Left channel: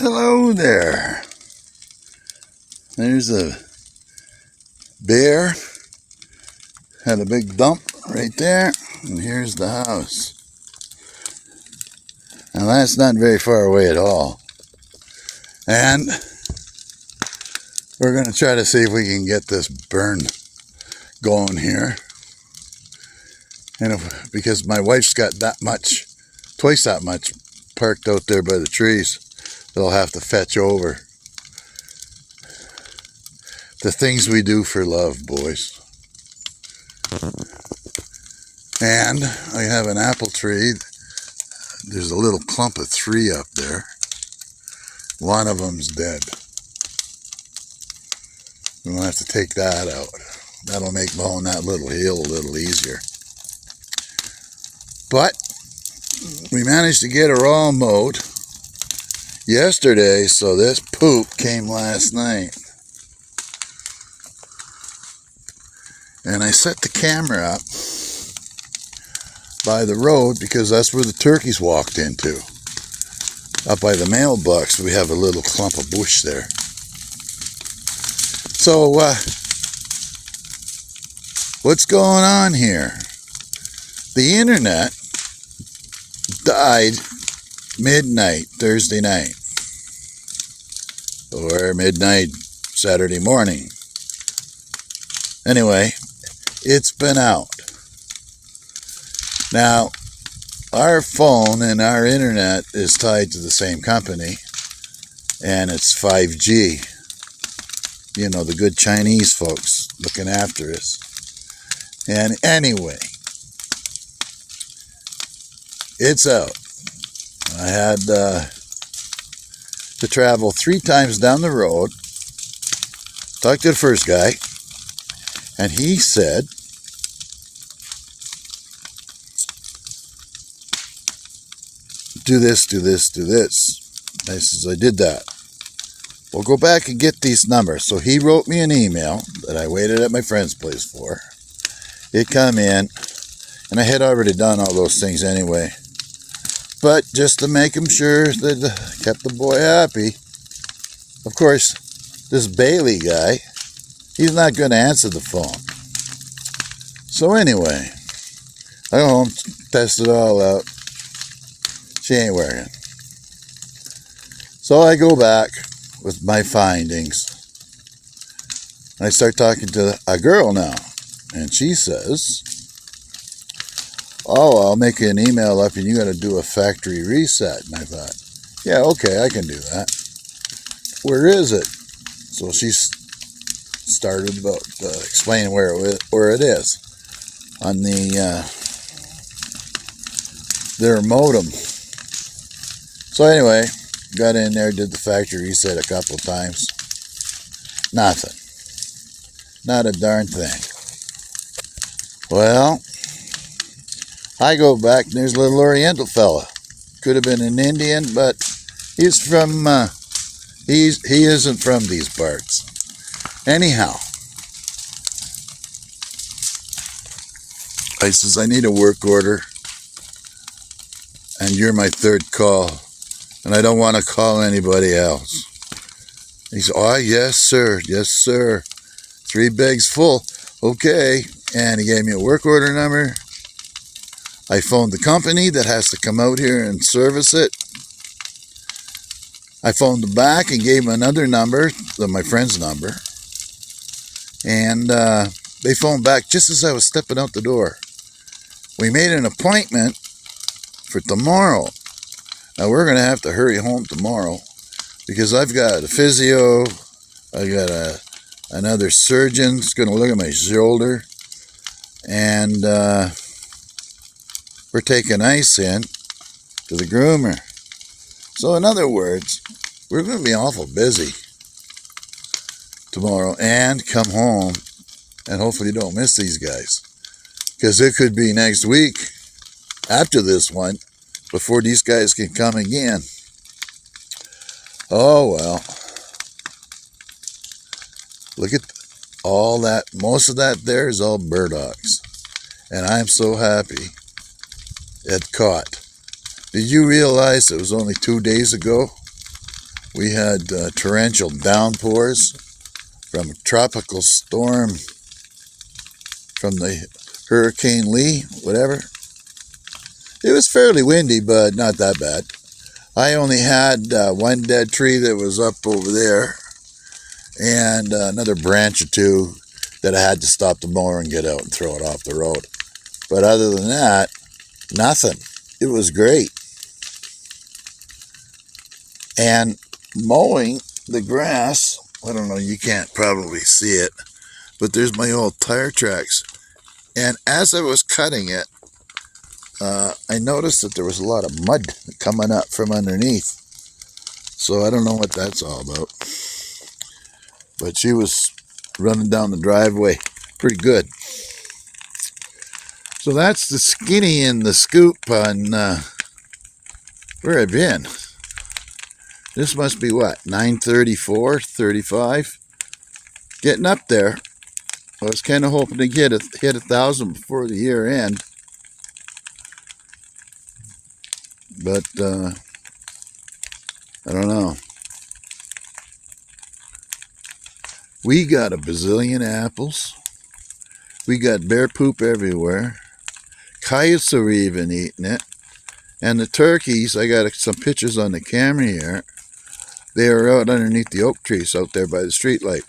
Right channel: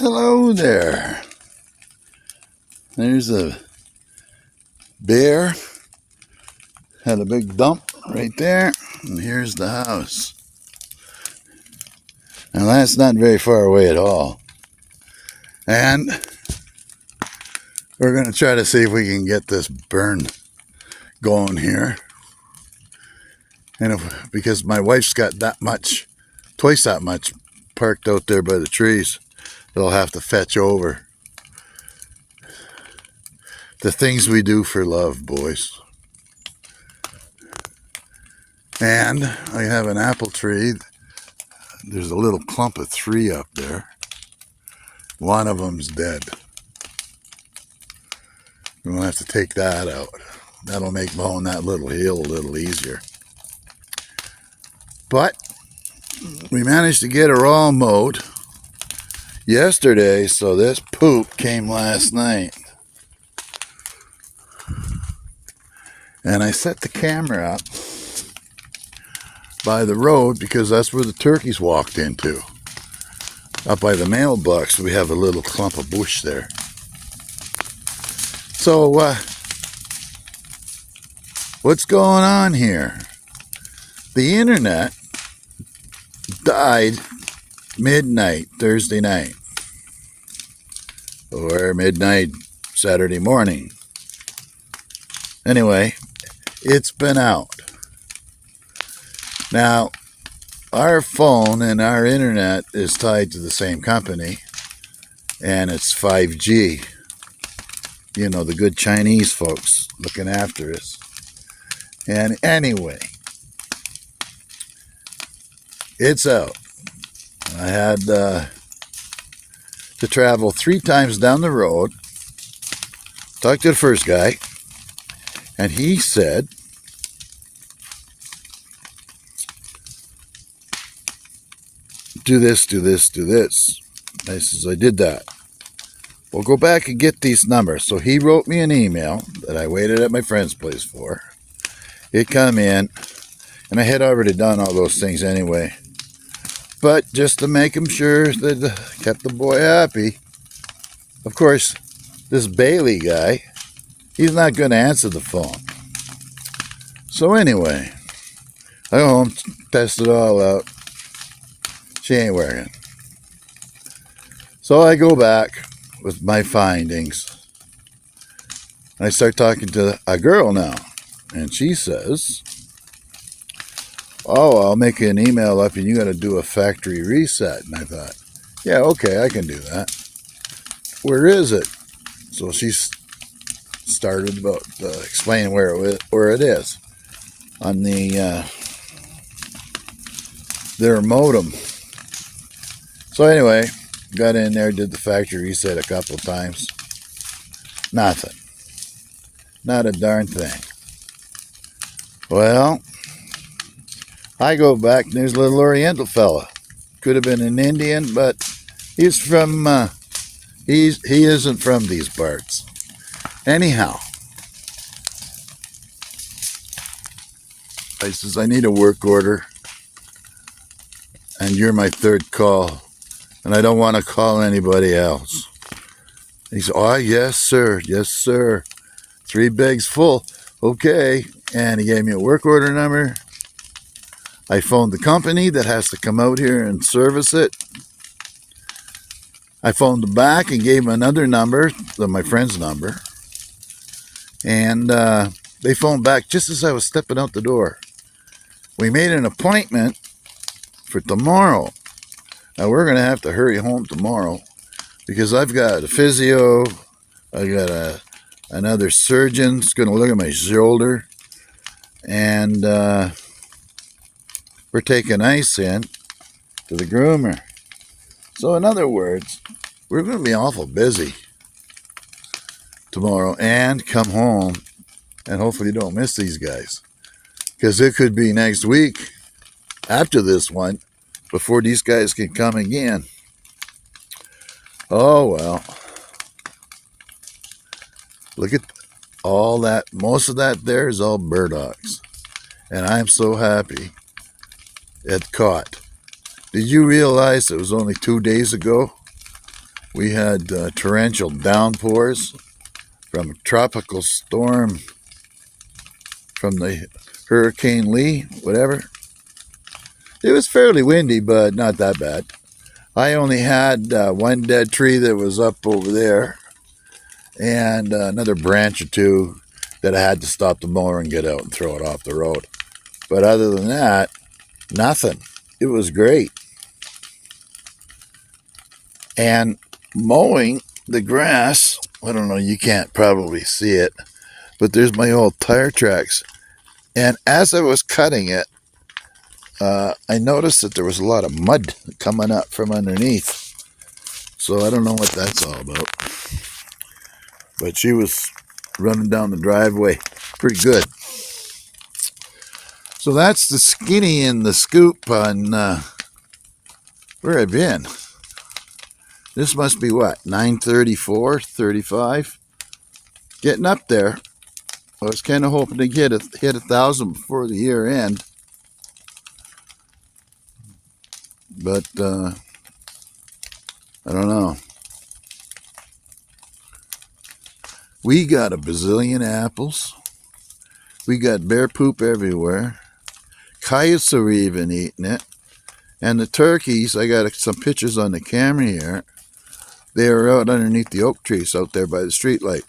Hello there. There's a bear. Had a big dump right there. And here's the house. Now that's not very far away at all. And we're going to try to see if we can get this burn going here. And because my wife's got that much, twice that much parked out there by the trees, they'll have to fetch over. The things we do for love, boys. And I have an apple tree. There's a little clump of 3 up there. One of them's dead. We'll have to take that out. That'll make mowing that little hill a little easier. But we managed to get her all mowed yesterday, so this poop came last night. And I set the camera up by the road because that's where the turkeys walked into. Up by the mailbox, we have a little clump of bush there. So, what's going on here? The internet died midnight Thursday night, or midnight Saturday morning. Anyway, it's been out. Now, our phone and our internet is tied to the same company, and it's 5G. You know, the good Chinese folks looking after us. And anyway, it's out. I had to travel 3 times down the road, talk to the first guy, and he said, do this, do this, do this. I says, I did that. We'll go back and get these numbers. So he wrote me an email that I waited at my friend's place for. It come in, and I had already done all those things anyway. But just to make him sure that kept the boy happy, of course, this Bailey guy, he's not going to answer the phone. So anyway, I go home, test it all out. She ain't working. So I go back with my findings. I start talking to a girl now. And she says, oh, I'll make you an email up and you got to do a factory reset. And I thought, yeah, okay, I can do that. Where is it? So she started about explaining where it is on their modem. So anyway, got in there, did the factory reset a couple of times. Nothing. Not a darn thing. Well, I go back and there's a little Oriental fella. Could have been an Indian, but he's from, he isn't from these parts. Anyhow, I says, I need a work order, and you're my 3rd call, and I don't want to call anybody else. He said, oh, yes, sir, yes, sir. 3 bags full. Okay. And he gave me a work order number. I phoned the company that has to come out here and service it. I phoned them back and gave him another number, my friend's number. And they phoned back just as I was stepping out the door. We made an appointment for tomorrow. Now we're going to have to hurry home tomorrow because I've got a physio, I've got another surgeon who's going to look at my shoulder. And we're taking ice in to the groomer. So in other words, we're going to be awful busy tomorrow and come home and hopefully don't miss these guys. Because it could be next week after this one before these guys can come again. Oh well. Look at all that, most of that there is all burdocks. And I'm so happy it caught. Did you realize it was only 2 days ago We had torrential downpours from a tropical storm from the Hurricane Lee, whatever. It was fairly windy, but not that bad. I only had one dead tree that was up over there and another branch or two that I had to stop the mower and get out and throw it off the road. But other than that, nothing. It was great. And mowing the grass, I don't know, you can't probably see it, but there's my old tire tracks. And as I was cutting it, I noticed that there was a lot of mud coming up from underneath. So I don't know what that's all about. But she was running down the driveway pretty good. So that's the skinny and the scoop on where I've been. This must be what, 9:34, 35? Getting up there. I was kind of hoping to hit 1,000 before the year end. But, I don't know. We got a bazillion apples. We got bear poop everywhere. Coyotes are even eating it. And the turkeys, I got some pictures on the camera here. They are out underneath the oak trees out there by the street light.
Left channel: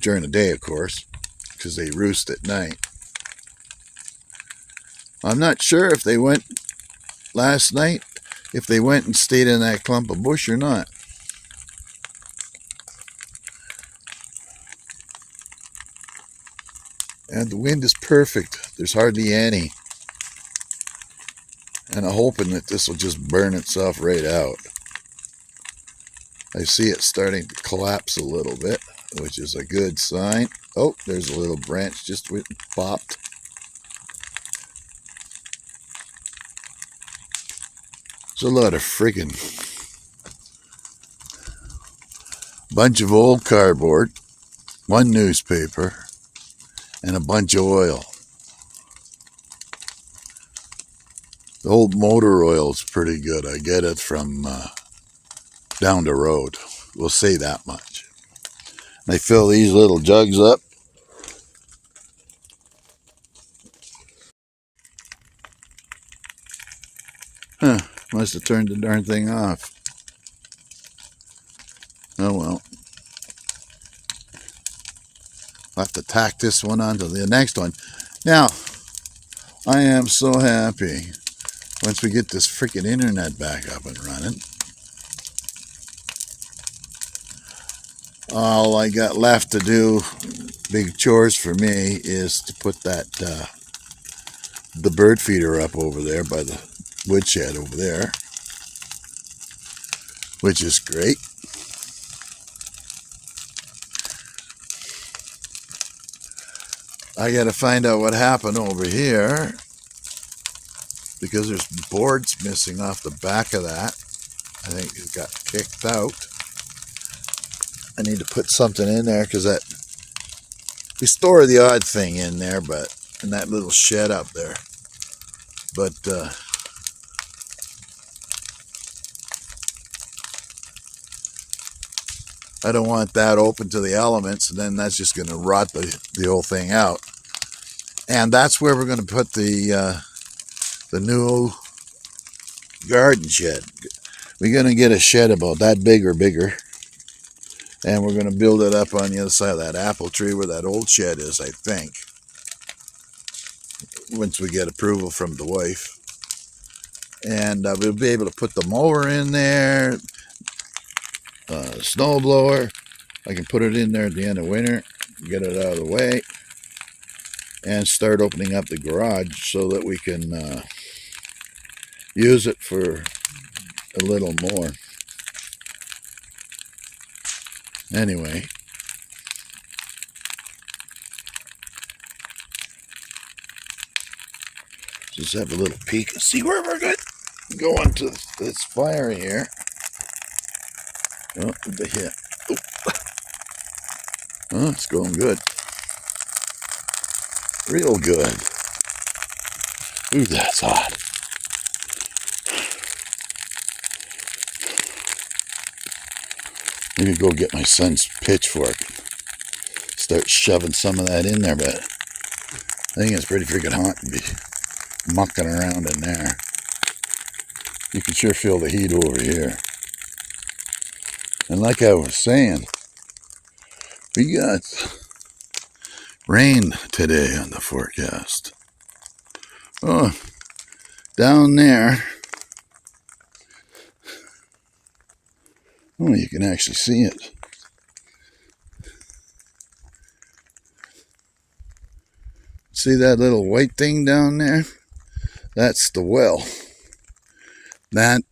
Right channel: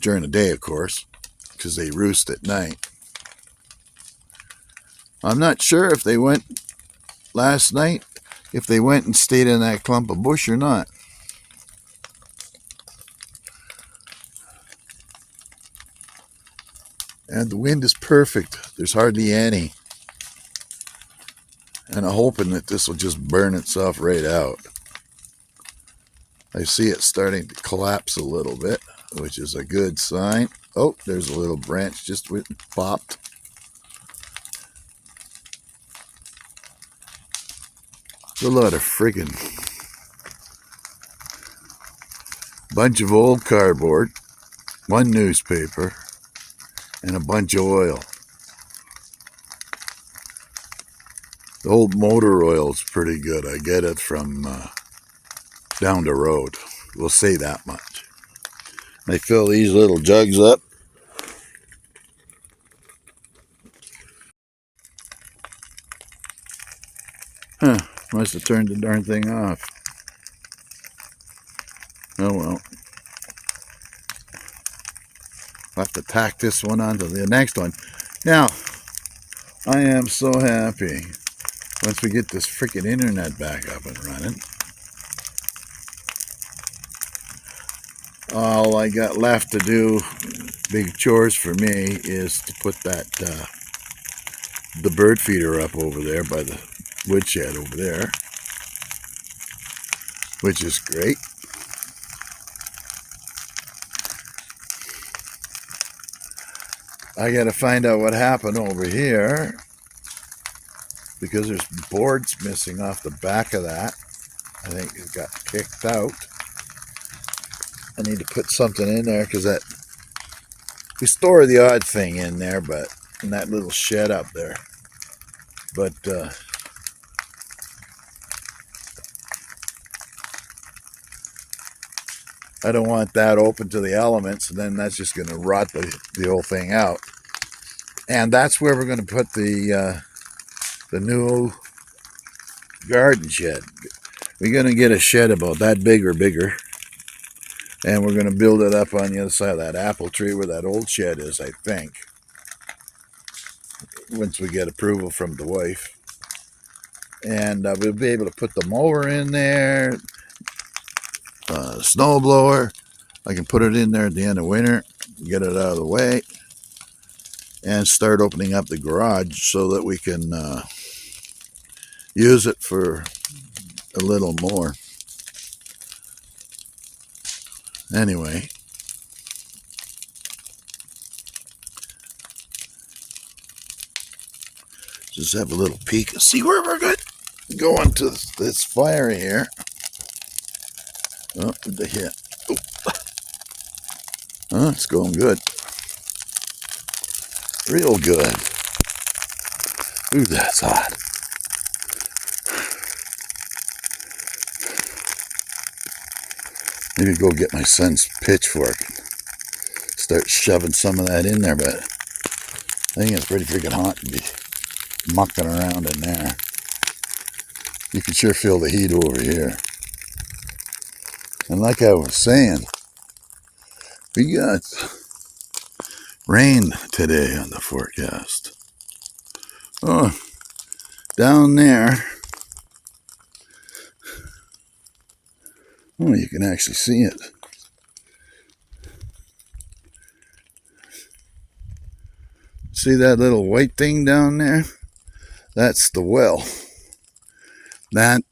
During the day, of course, because they roost at night. I'm not sure if they went last night, if they went and stayed in that clump of bush or not. And the wind is perfect. There's hardly any. And I'm hoping that this will just burn itself right out. I see it starting to collapse a little bit, which is a good sign. Oh, there's a little branch just popped. It's a lot of friggin' bunch of old cardboard, one newspaper, and a bunch of oil. The old motor oil is pretty good. I get it from down the road. We'll say that much. And I fill these little jugs up. Must have turned the darn thing off. Oh well. I'll have to tack this one onto the next one. Now, I am so happy once we get this freaking internet back up and running. All I got left to do, big chores for me, is to put that the bird feeder up over there by the woodshed over there, which is great. I got to find out what happened over here because there's boards missing off the back of that. I think it got kicked out. I need to put something in there because that we store the odd thing in there, but in that little shed up there. But I don't want that open to the elements, and then that's just going to rot the whole thing out. And that's where we're going to put the new garden shed. We're going to get a shed about that big or bigger, and we're going to build it up on the other side of that apple tree where that old shed is, I think, once we get approval from the wife. And we'll be able to put the mower in there, snow blower. I can put it in there at the end of winter, get it out of the way, and start opening up the garage so that we can use it for a little more. Anyway, just have a little peek. See where we're going to this fire here. Oh, the hit. Oh, it's going good. Real good. Ooh, that's hot. Maybe go get my son's pitchfork. Start shoving some of that in there, but I think it's pretty freaking hot to be mucking around in there. You can sure feel the heat over here. And like I was saying, we got rain today on the forecast. Oh, down there. Oh, you can actually see it. See that little white thing down there? That's the well. That,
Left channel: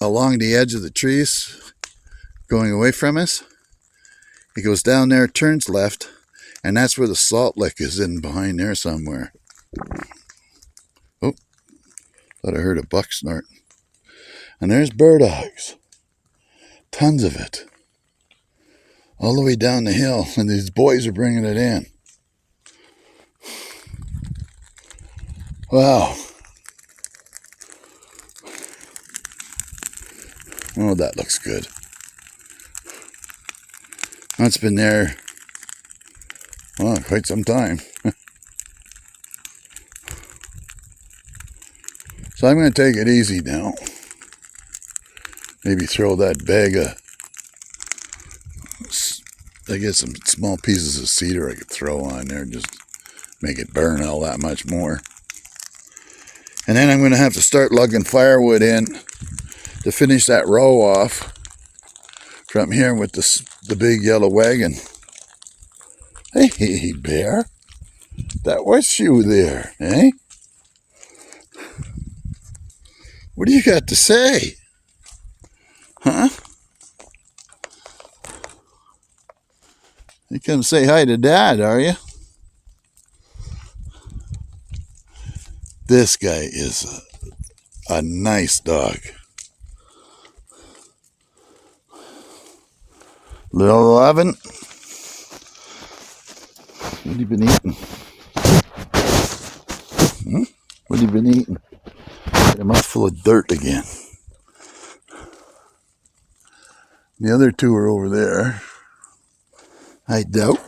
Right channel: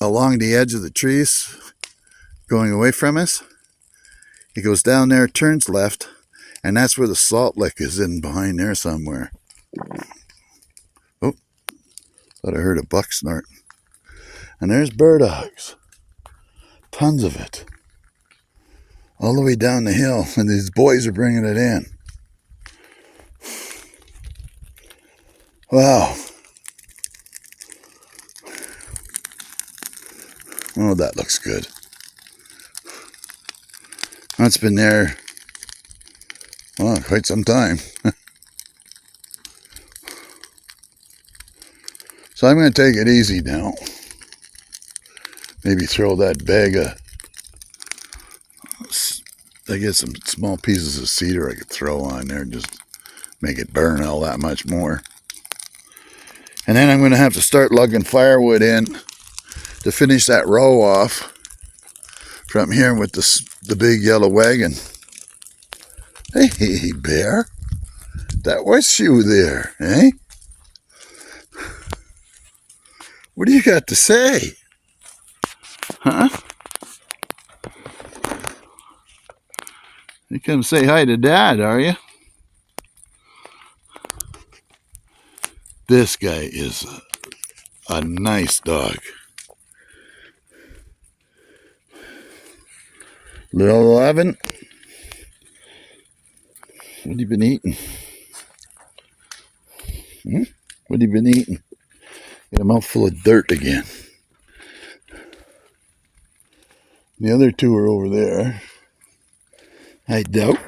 along the edge of the trees, going away from us, it goes down there, turns left, and that's where the salt lick is in behind there somewhere. Oh, thought I heard a buck snort. And there's burdogs. Tons of it. All the way down the hill, and these boys are bringing it in. Wow. Oh, that looks good. That's been there, well, quite some time. So I'm going to take it easy now. Maybe throw that bag of, I get some small pieces of cedar I could throw on there, just make it burn all that much more. And then I'm going to have to start lugging firewood in to finish that row off from here with the big yellow wagon. Hey, bear, that was you there, eh? What do you got to say? Huh? You come say hi to Dad, are you? This guy is a nice dog. Little 11. What have you been eating? What have you been eating? A mouthful of dirt again. The other two are over there. I doubt.